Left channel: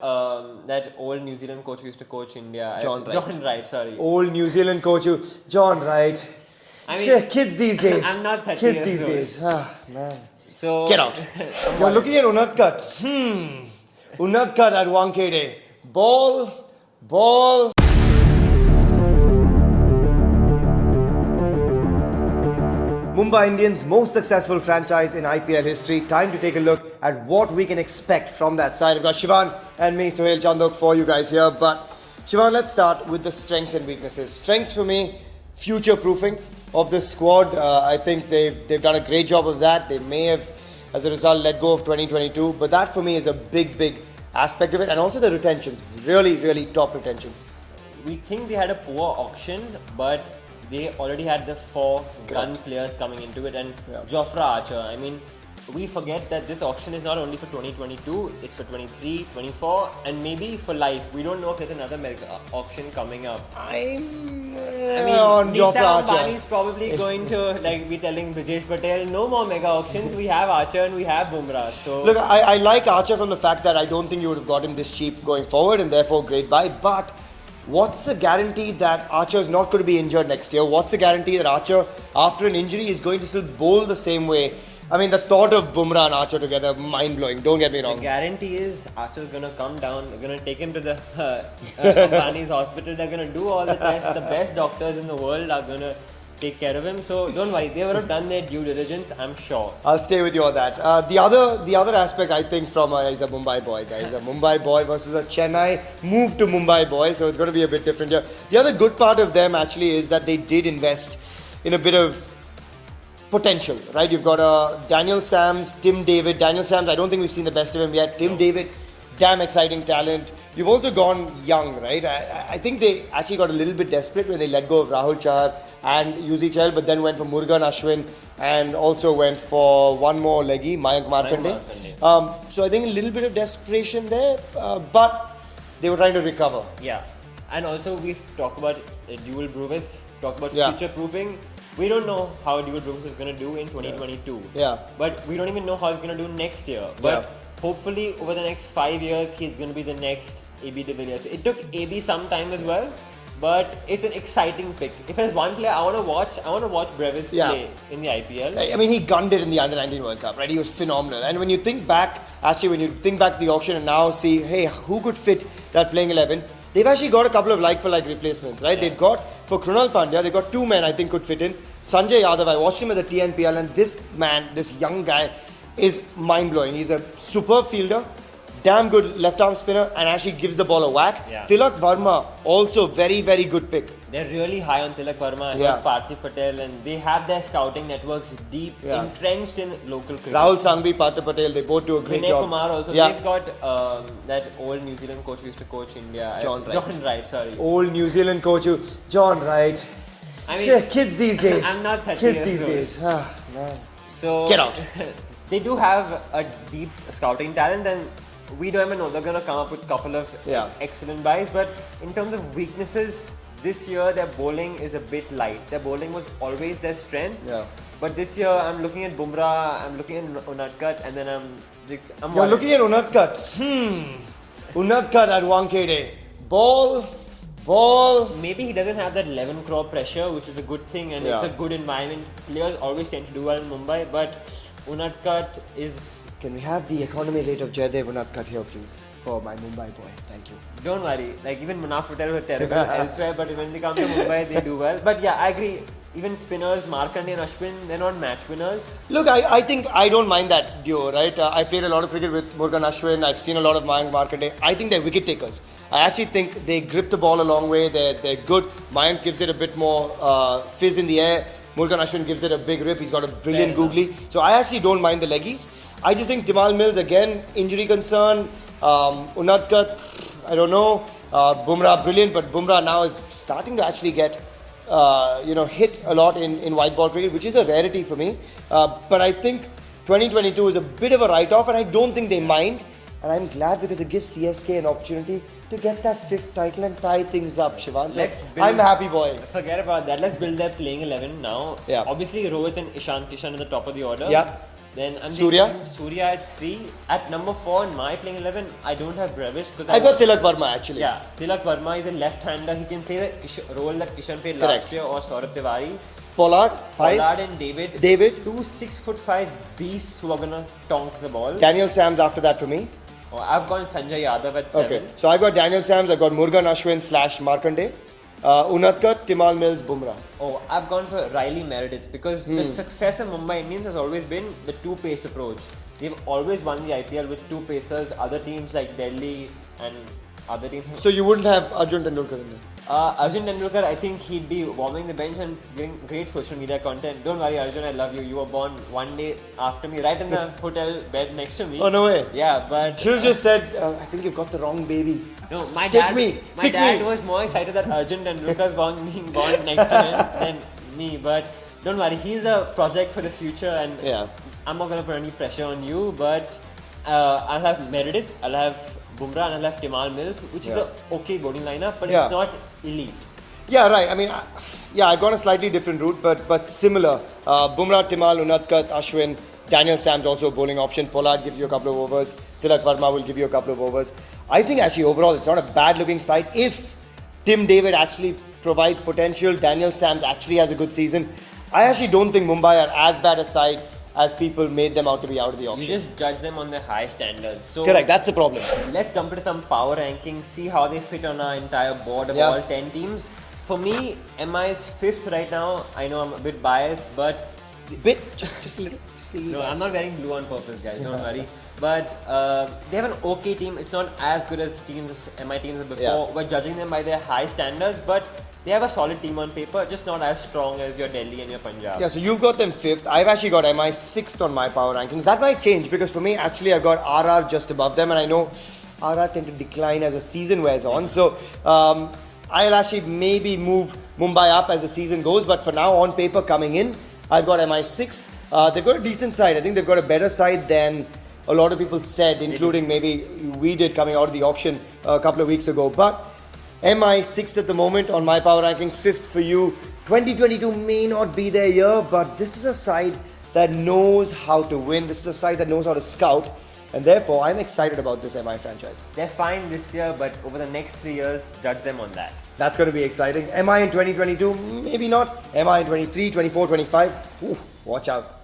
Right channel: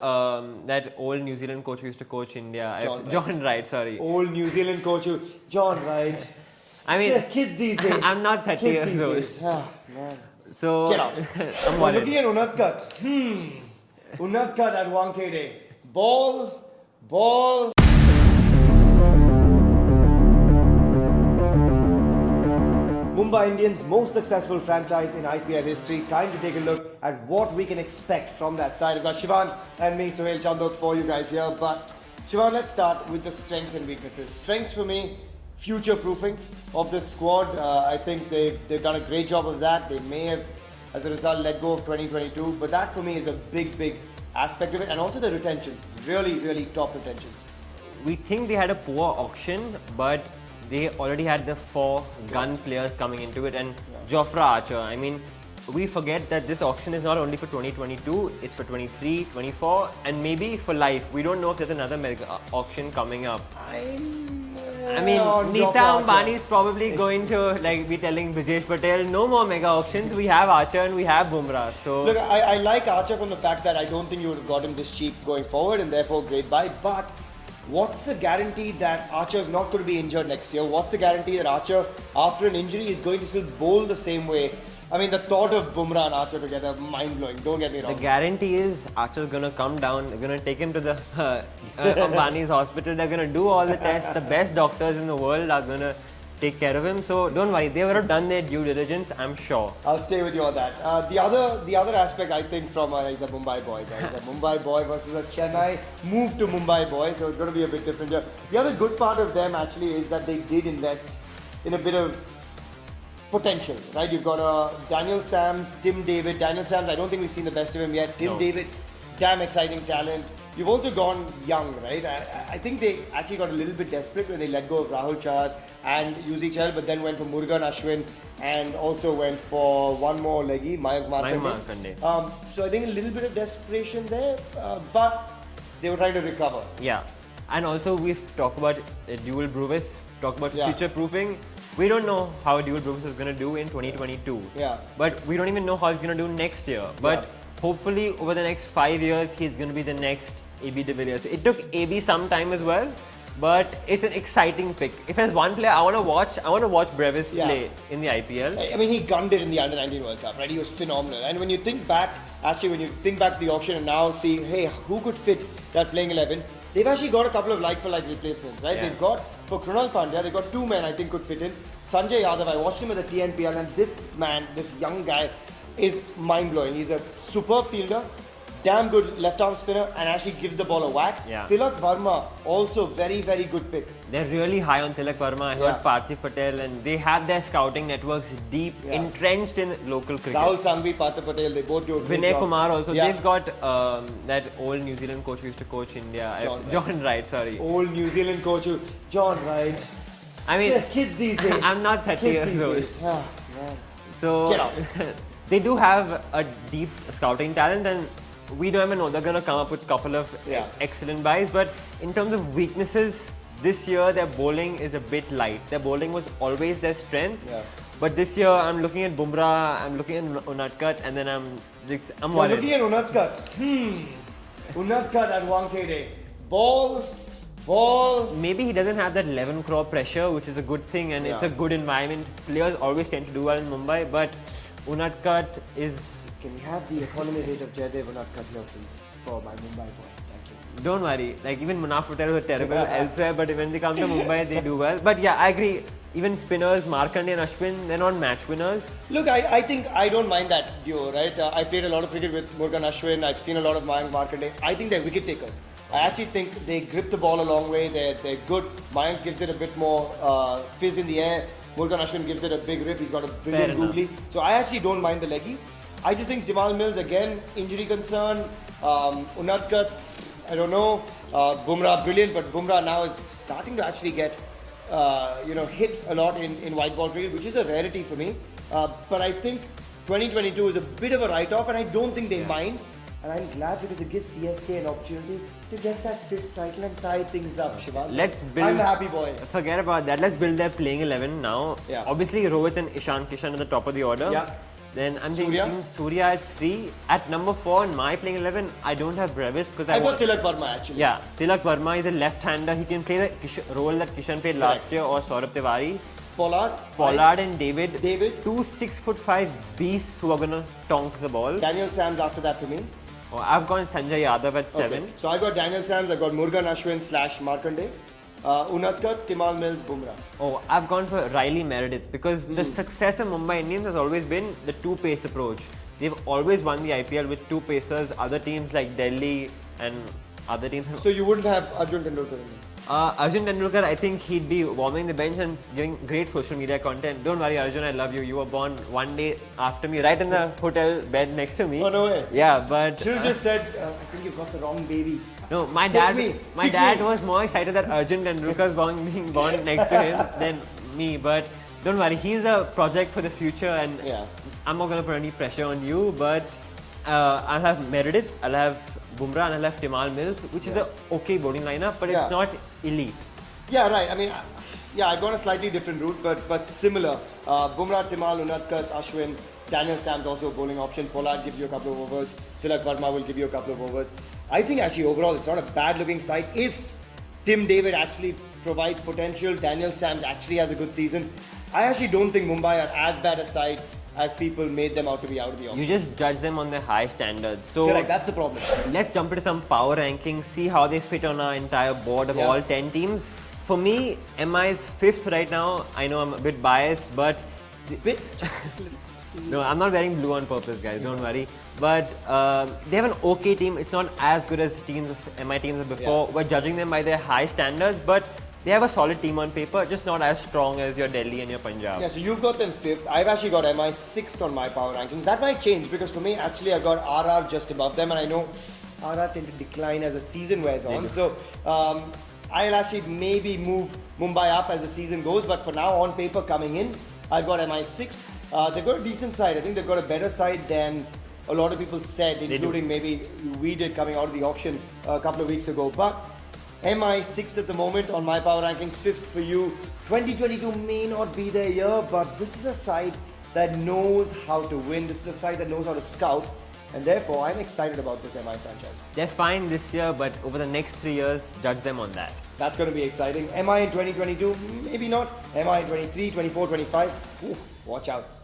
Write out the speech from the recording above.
That old New Zealand coach who used to coach India. John Wright. John Wright, sorry. Old New Zealand coach, John Wright. I mean, Shit, kids these days. I'm not 30 kids years these old. days. Ah, man. So Get out. You're looking at Unadkat. Unadkat at Wankhede. Ball. Mumbai Indians' most successful franchise in IPL history. Time to take a look at what we can expect from that side. I've got Shivaan and me, Suhail, Chandhok, for you guys here. But Shivaan, let's start with the strengths and weaknesses. Strengths for me, future-proofing of this squad. I think they've done a great job of that. They may have, as a result, let go of 2022. But that for me is a big aspect of it. And also the retentions. Really top retentions. we think they had a poor auction, but they already had the 4 gun players coming into it, and Jofra Archer. I mean, we forget that this auction is not only for 2022, it's for 23, 24, and maybe for life. We don't know if there's another mega auction coming up. I mean, on Nita Jofra Archer. Ambani is probably going to be telling Brijesh Patel, no more mega auctions. We have Archer and we have Bumrah. So Look, I like Archer from the fact that I don't think you would have got him this cheap going forward, and therefore great buy. But what's the guarantee that Archer is not going to be injured next year? What's the guarantee that Archer, after an injury, is going to still bowl the same way? I mean, the thought of Bumrah and Archer together, mind-blowing. Don't get me wrong. the guarantee is Archer's gonna come down. They're gonna take him to the Ambani's hospital. They're gonna do all the tests. The best doctors in the world are gonna take care of him. So don't worry, they would have done their due diligence, I'm sure. I'll stay with you on that. The other aspect I think from is a Mumbai boy, guys. A Mumbai boy versus a Chennai move to Mumbai boy, so it's going to be a bit different here. The other good part of them actually is that they did invest in a bit of potential, right? You've got Daniel Sams, Tim David. Daniel Sams, I don't think we've seen the best of him yet. Tim David, damn exciting talent. You've also gone young, right? I think they actually got a little bit desperate when they let go of Rahul Chahar and Yuzi but then went for Murugan Ashwin and also went for one more leggy, Mayank Markande. So I think a little bit of desperation there, but they were trying to recover. Yeah, and also we've talked about dual Bruvis, talked about Yeah. future proofing. We don't know how dual Bruvis is going to do in 2022. Yeah. But we don't even know how he's going to do next year. But hopefully over the next 5 years, he's going to be the next AB de Villiers. It took AB some time as well, but it's an exciting pick. If there's one player I want to watch Brevis play in the IPL. I mean, he gunned it in the Under-19 World Cup, right? He was phenomenal. And when you think back to the auction and now see, hey, who could fit that playing 11? They've actually got a couple of like-for-like replacements, right? Yeah. They've got, for Krunal Pandya, they've got 2 men I think could fit in. Sanjay Yadav, I watched him at the TNPL, and this man, this young guy, is mind-blowing. He's a superb fielder, damn good left-arm spinner, and actually gives the ball a whack. Yeah. Tilak Varma, also very good pick. They're really high on Tilak Varma. I heard Parthiv Patel, and they have their scouting networks deep, entrenched in local cricket. Rahul Sangvi, Parthiv Patel, they both do a great Vinay job. Kumar also. They've got that old New Zealand coach who used to coach India. John Wright, sorry. Old New Zealand coach, John Wright. I mean, Shit, kids these days. I'm not 30 kids years these old. days. Ah, man. So Get out. They do have a deep scouting talent, and we don't even know. They're gonna come up with a couple of excellent buys. But in terms of weaknesses, this year their bowling is a bit light. Their bowling was always their strength. Yeah. But this year I'm looking at Bumrah, I'm looking at Unadkat, and then I'm You're worried. looking at Unadkat. Unadkat at Wankhede. Ball. Maybe he doesn't have that 11 crore pressure, which is a good thing, and it's a good environment. Players always tend to do well in Mumbai, but Unadkat is... Can we have the economy rate of Jaydev Unadkat here, please? For my Mumbai boy. Thank you. Don't worry, like even Munaf Patel were terrible elsewhere, but when they come to Mumbai, they do well. But yeah, I agree. Even spinners, Markande and Ashwin, they're not match winners. Look, I think I don't mind that duo, right? I played a lot of cricket with Murugan Ashwin. I've seen a lot of Mayank Markande. I think they're wicket takers. I actually think they grip the ball a long way. They're good. Mayank gives it a bit more fizz in the air. Murugan Ashwin gives it a big rip. He's got a brilliant googly. So I actually don't mind the leggies. I just think Timal Mills, again, injury concern. Unadkat, I don't know. Bumrah, brilliant, but Bumrah now is starting to actually get hit a lot in white ball cricket, which is a rarity for me. But I think 2022 is a bit of a write-off, and I don't think they mind. And I'm glad because it gives CSK an opportunity to get that 5th title and tie things up, Shivaan. So I'm happy, boy. Forget about that. Let's build their playing 11 now. Yeah. Obviously, Rohit and Ishan Kishan at the top of the order. Yeah. Then I'm Surya? thinking Surya at 3. At number 4 in my playing 11, I don't have Brevis because I got Tilak Verma actually. Yeah, Tilak Verma is a left-hander. He can play the role that Kishan played last Correct. year, or Saurabh Tiwari. Pollard, 5. Pollard and David. David. 2 6'5" beasts who are gonna tonk the ball. Daniel Sams after that for me. Oh, I've gone Sanjay Yadav at 7. Okay. So I got Daniel Sams, I've got Murugan Ashwin / Markande. Unadkat, Timal Mills, Bumrah. Oh, I've gone for Riley Meredith because the success of Mumbai Indians has always been the two-pace approach. They've always won the IPL with two pacers. Other teams like Delhi and other teams. So you wouldn't have Arjun Tendulkar in there? Arjun Tendulkar, I think he'd be warming the bench and doing great social media content. Don't worry, Arjun, I love you. You were born one day after me, right in the hotel bed next to me. Oh, no way. Yeah, but Should have just said, I think you've got the wrong baby. no, my Pick dad. me. My Pick dad me. was more excited that Arjun Tendulkar's being born next to him than me. But don't worry, he's a project for the future, and Yeah. I'm not gonna put any pressure on you. But I'll have Meredith, I'll have Bumrah, and I'll have Timal Mills, which is a okay bowling lineup, but Yeah. it's not elite. Yeah, right. I mean, I've gone a slightly different route, but similar. Bumrah, Timal, Unadkat, Ashwin, Daniel Sams also a bowling option. Pollard gives you a couple of overs. Tilak Verma will give you a couple of overs. I think actually overall it's not a bad looking side if Tim David actually provides potential. Daniel Sams actually has a good season. I actually don't think Mumbai are as bad a side as people made them out to be out of the auction. You just judge them on their high standards. So Correct, that's the problem. let's jump into some power rankings, see how they fit on our entire board of Yeah. all 10 teams. For me, MI is 5th right now. I know I'm a bit biased, but Just a little. no, I'm not wearing blue on purpose, guys. Don't worry. But they have an okay team. It's not as good as MI teams before. Yeah. We're judging them by their high standards, but they have a solid team on paper, just not as strong as your Delhi and your Punjab. Yeah, so you've got them 5th. I've actually got MI 6th on my power rankings. That might change because for me, actually, I've got RR just above them, and I know RR tend to decline as the season wears on. So I'll actually maybe move Mumbai up as the season goes, but for now, on paper coming in, I've got MI 6th. They've got a decent side. I think they've got a better side than a lot of people said, including maybe we did coming out of the auction a couple of weeks ago. But MI 6th at the moment on my power rankings, 5th for you. 2022 may not be their year, but this is a side that knows how to win. This is a side that knows how to scout. And therefore, I'm excited about this MI franchise. They're fine this year, but over the next 3 years, judge them on that. That's going to be exciting. MI in 2022, maybe not. MI in 23, 24, 25. Ooh, watch out.